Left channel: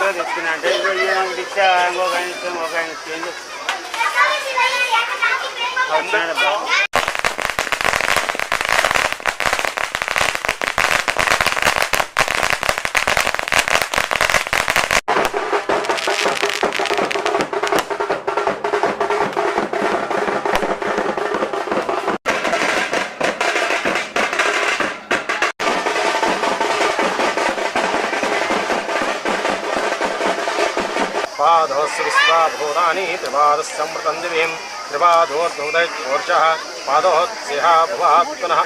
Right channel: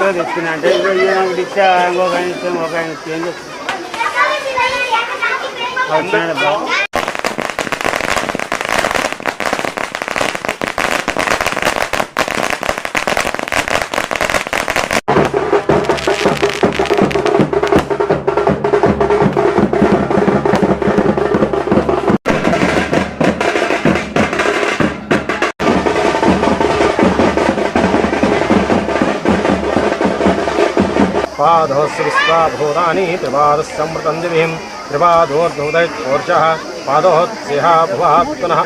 కొత్తగా తెచ్చుకున్నా అంటే ఇచ్చా ఇంకొక ఆయన ఇస్తాం ఒక ఆయన చేంజ్ వచ్చినాడు. पादोस्विस्वाभूतानि त्रिपादस्समृतञ्जलिं त्रिपादोर्धोदयोर्जः पादोत्स्यः भुवात् पुनः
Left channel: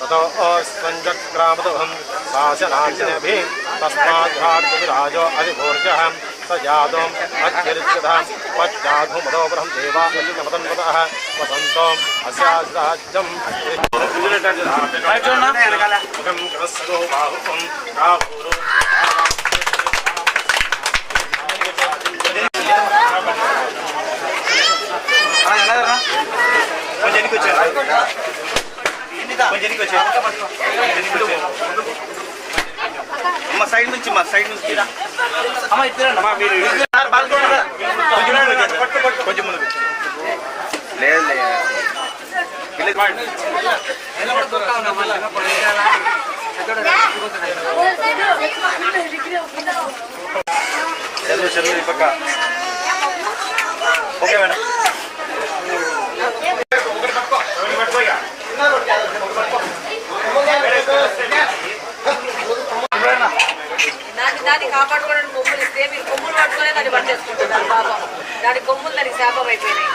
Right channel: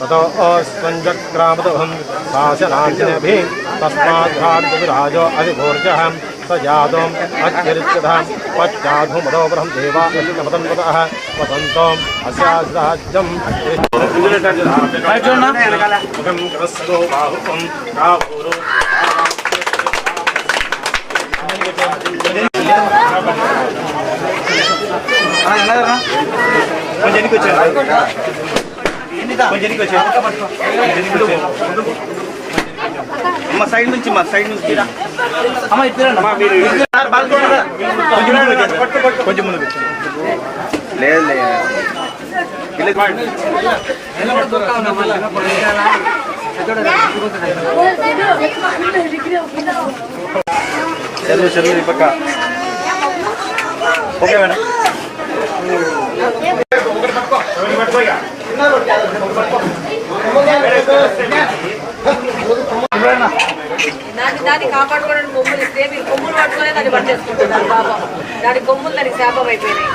ततोऽस्वञ्जक्रामदोहं शासनाञ्जनभिः तस्माद्भाग्यविराजो अधिभोर्जः स जातोम् अत्यरिच्यतः पश्चाधुमदो ब्रह्म देवा अचितमतन्वतः वसन्तोम् अस्याज्राज्यम् అమ్మ సైడ్ నుంచి అమ్మ కొంచెం ముందు లేదు చదువు పక్క ఓకే మేడం. దాన్ని కాపాడుకోవడానికి కొమ్ములు ఇస్తే మీరు కొమ్ములు పట్టుకునే దాన్ని పట్టేసుకుంటున్నారు బాబా. దాని కొమ్ములు దానికి శాపం అయిపోయినాయి.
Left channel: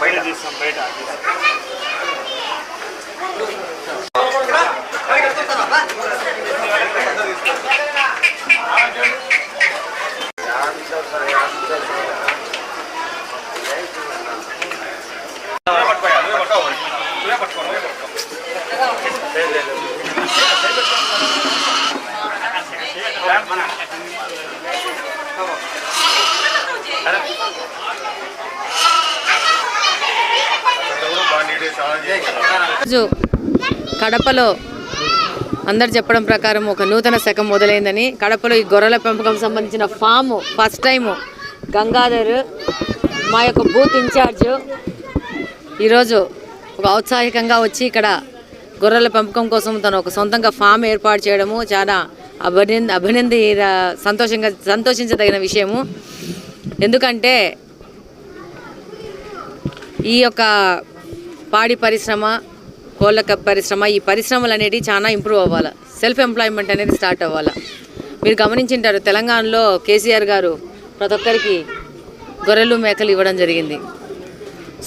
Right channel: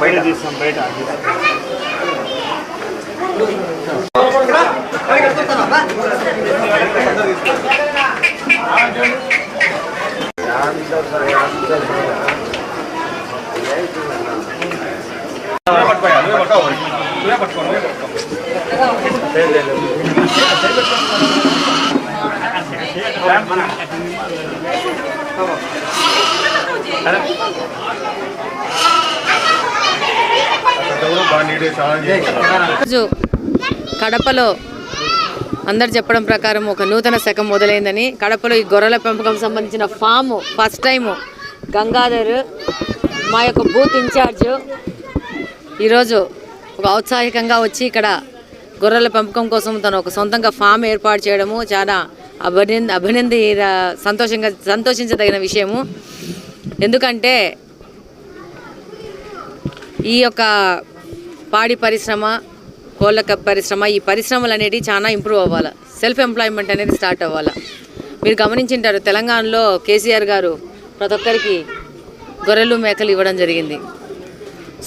బయట తీస్తాం బయట కడపలో అందరు చెప్పడం ప్రకారం ఒక నూతన శకం మొదలైందని. కడపలో ఈ గొర్రెల పెంపకం సంబంధించిన ఫామ్ ఫస్ట్ టైము గంగాధర్ మా యొక్క బూత్ ఇన్ఛార్జ్ ఈరోజు ఒక ఔత్సాహికంగా వచ్చి ఇక్కడ గొర్రెల పెంపకం కోసం తను ఒక సొంతంగా ఫామ్ ఏర్పాటు చేయడము చాలా సంతోషించదగిన విషయము. ఎందుకంటే ఈ యొక్క పాడి పరిశ్రమ, కోళ్ళ పరిశ్రమ, ఈ పరిశ్రమలు అనేవి చాలా ఇంప్రూవ్ అవ్వాలి. సెల్ఫ్ ఎంప్లాయ్మెంట్ అనేది స్టార్ట్ అవ్వాలి. మీరు గమనించింటారు, తెలంగాణలో కేసీఆర్ గారు ప్రతి ఒక్కరికి గొర్రెలు మేకలు ఇవ్వడం జరిగింది.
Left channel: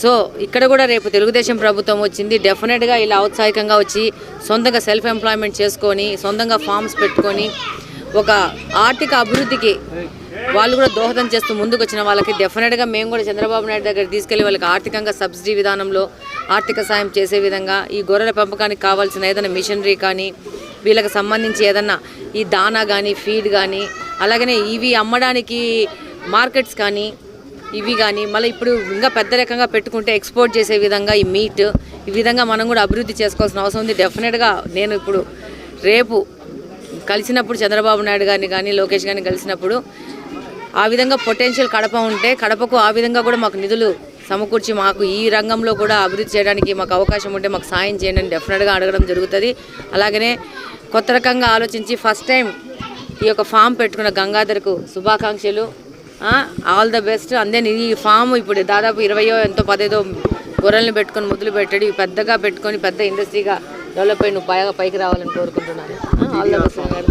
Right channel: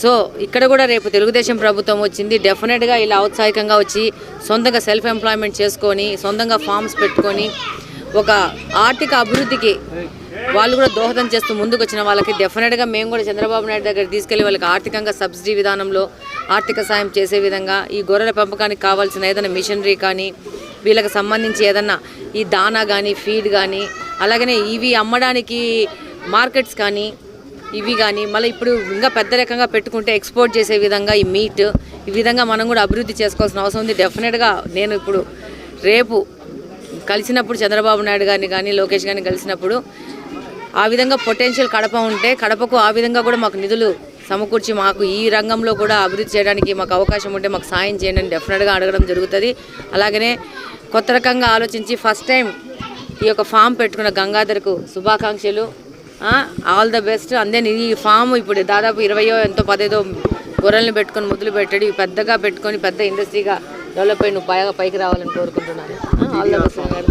సో ఇక్కడ కూడా రేపు తెలుగుదేశం ప్రభుత్వం వచ్చింది. డెఫినెట్గా ఇలా ఔత్సాహికంగా వచ్చి సొంతంగా సెల్ఫ్ ఎంప్లాయ్మెంట్ చేసుకొని సొంతంగా ఫార్మ్స్ పెట్టుకొని ఒక ఆర్థిక అభివృద్ధికి వాళ్ళు కూడా దోహదం చేస్తూ ముందుకు వచ్చిన వాళ్ళకి డెఫినెట్గా మేము కూడా చంద్రబాబు నాయుడు దగ్గర తీసుకెళ్లి వాళ్ళకి ఆర్థికంగా సబ్సిడీ విధానంలో ఆర్థిక సాయం చేసే విధంగా ఈ గొర్రెల పెంపకానికి కావాల్సిన ఏదైనా మిషనరీ కానీ వీళ్ళకి సంబంధించి ఏదన్నా ఈ దానా కానీ ఫీడ్ కానీ అలాగనే ఇవి అమ్మడానికి మార్కెట్స్ కానీ ఇవి కానీ మళ్ళీ ఇప్పుడు ఇంకా పెద్ద రకంగా పెట్టుకుంటే ఎక్స్పోర్ట్ చేసే విధంగా ఈ మీట్ ఈ విధంగా మనం కూడా అభివృద్ధి చేసుకోవాల్సిన అవసరం ఉంది. డెఫినెట్గా నేను ఇప్పుడు రేపు కలిసినప్పుడు చంద్రబాబు నాయుడు గారిని కానీ లోకేష్ గారిని కలిసినప్పుడు ఆ విధంగా పొటెన్షియల్ కడప ఉంటే కడపకు ఆ విధంగా కూడా మాకు నిధులు సమకూర్చి మాకు ఈ రంగంలో కూడా అభివృద్ధి చేయడానికి మాకు అవకాశం ఉంటే మాకు సాయం చేయండి అని డెఫినెట్గా అడగడం జరుగుతుంది. అలాగనే కొత్త రకంగా ఆలోచించి ఫస్ట్ టైం ఈ యొక్క ఫామ్ పెట్టుకున్న గంగాధర్కు శుభాకాంక్షలు, ఆల్ ద బెస్ట్. అందే ఈ ఫామ్ ఇప్పుడు దాదాపు 20 ఎంతో 15 గొర్రెలను పెట్టుకొని మొదలు పెట్టాడు. పెద్దగా పెట్టుకొని పెద్ద ఇండస్ట్రీగా డెవలప్ అయ్యి నువ్వు బాగా పైకి రావాలని కోరుకుంటున్నాను. ఆల్ ద బెస్ట్ గారు.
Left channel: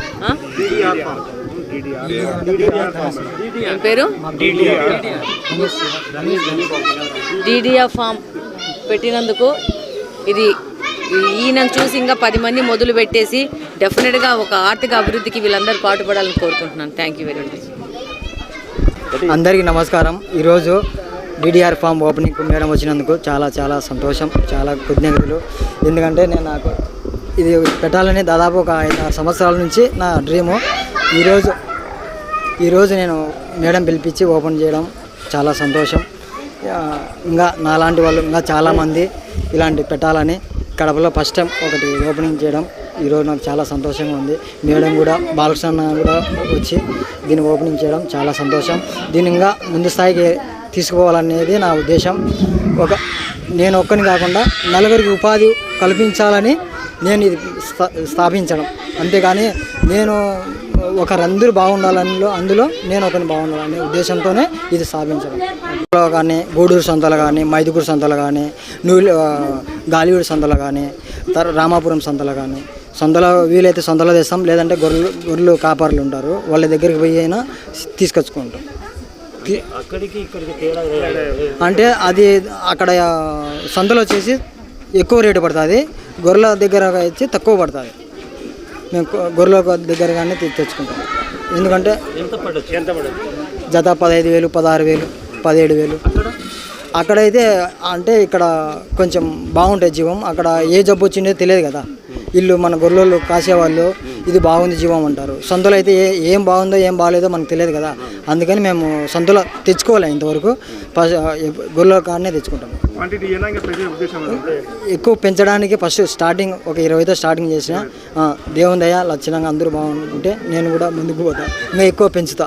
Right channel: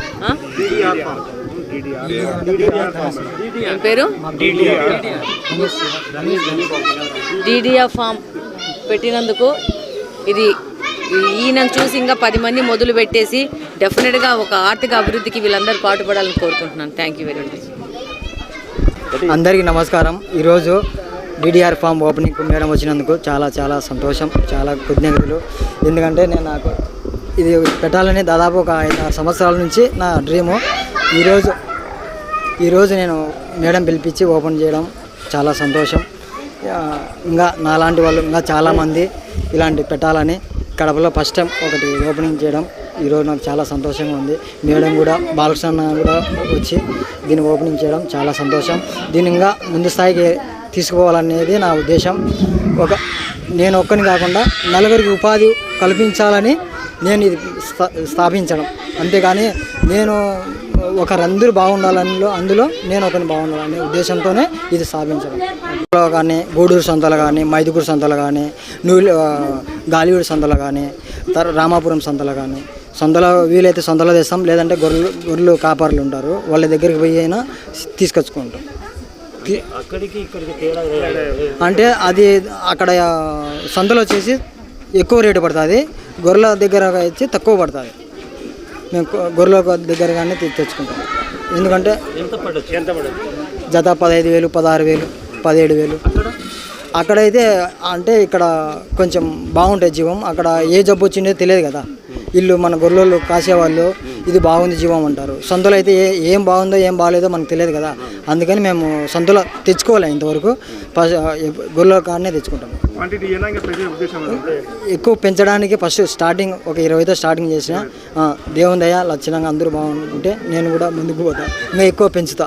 పేరు డీడీఆర్ ఫామ్ పెట్టినందుకు ఇది ఈయనను చూసి ఇంకా 10 మంది మొదలు పెట్టేసి డెఫినెట్గా ఒక ఆర్థిక అభివృద్ధికి వీళ్ళందరూ పాటుపడాలని కోరుకుంటున్నాను. Thank you very much. అందరికీ నమస్కారం. ఈరోజు డీడీఆర్ ఫామ్ ఓపెనింగ్ మేడం వచ్చినందుకు చాలా చాలా సంతోషం, చాలా కృతజ్ఞతలు. ఎందుకంటే నేను నాకు ఇది పెట్టాలని దాదాపు ఒక 5-6 సంవత్సరాల నుంచి నా డ్రీము. ఈరోజు నేను మేడం పిలిపించి ఓపెన్ చేయడం చాలా సంతోషం. ఇంకా నాలాంటి వాళ్ళు ఇంకా చాలామంది ఇలాంటి పెట్టాలని కడపలో ఫస్ట్ టైం ఒకటి ఓపెనింగ్ చేయడం ఈరోజు నాకు చాలా సంతోషంగా ఉంది. మేడం కూడా బాలకృష్ణ కూడా వచ్చి దీన్ని ఓపెనింగ్ చేయడం చాలా సంతోషం. దీన్ని ఇంకా ముందు స్థాయికి తీసుకుపోవాలనేది నా ఉద్దేశం. నేను ఒక్కని కాకుండా నలుగురికి ఉపాధి కల్పించాలని నేను ఇది స్థాపించడం, అంతేగాని నేను ఒకరందరూ బాగుండాలని అందులో నేను ఒకరిని బాగుండాలనే ఉద్దేశంతోనే ఇది స్థాపించడం. కానీ గూడూరు సంతలు కానీ, మైదుగూరు సంతలు కానీ, గాలివీడు సంతలు కానీ, రామాపురం సంతలు కానీ, సంతలో వీలైతే సంతలో తెస్తాం, లేదంటే గొర్రెలు కాపర్లు ఉంటారు, వాళ్ళ దగ్గరికి పోయి అయినా తీసుకొచ్చుకుంటాం. అంటే అది అక్కడ సంతలో వచ్చేసి ఎక్కువ రేటు పడుతుంది, గొర్రెల దగ్గర వచ్చి తక్కువ పడుతుంది. మేము గొర్రెల దగ్గర కానీ తెచ్చుకుంటాం. ఎందుకంటే జత 15,000, 16,000, 17,000. అక్కడైతే అంటే ఇక్కడ కొంచెం బాగుంటుంది జీవం. అక్కడ ఏ జబ్బు వచ్చిందో తెలియదు కదా, వీళ్ళు మన గొర్రెలు కాసేవాళ్ళు ఇది బాగుంది జీవం అంటారు. సంతలో అయితే ఏం బాగుందో ఏం బాగాలేదో మనకు తెలియదు కదా, అందుకని మేము సంతలో తెచ్చుకోవాలి. ఇంతవరకు గొర్రెల కాడనే తెచ్చుకుంటాం. ఎక్కువ పెంచడానికి ఫస్ట్ స్టార్టింగ్ ఒక 20తో స్టార్టింగ్ చేసిన, దేవుని దయ లక్షణంగా అందరూ బాగుంటే నేను కూడా ముందుకు పోతా, ఇంకా ఎక్కువ పెంచుతా.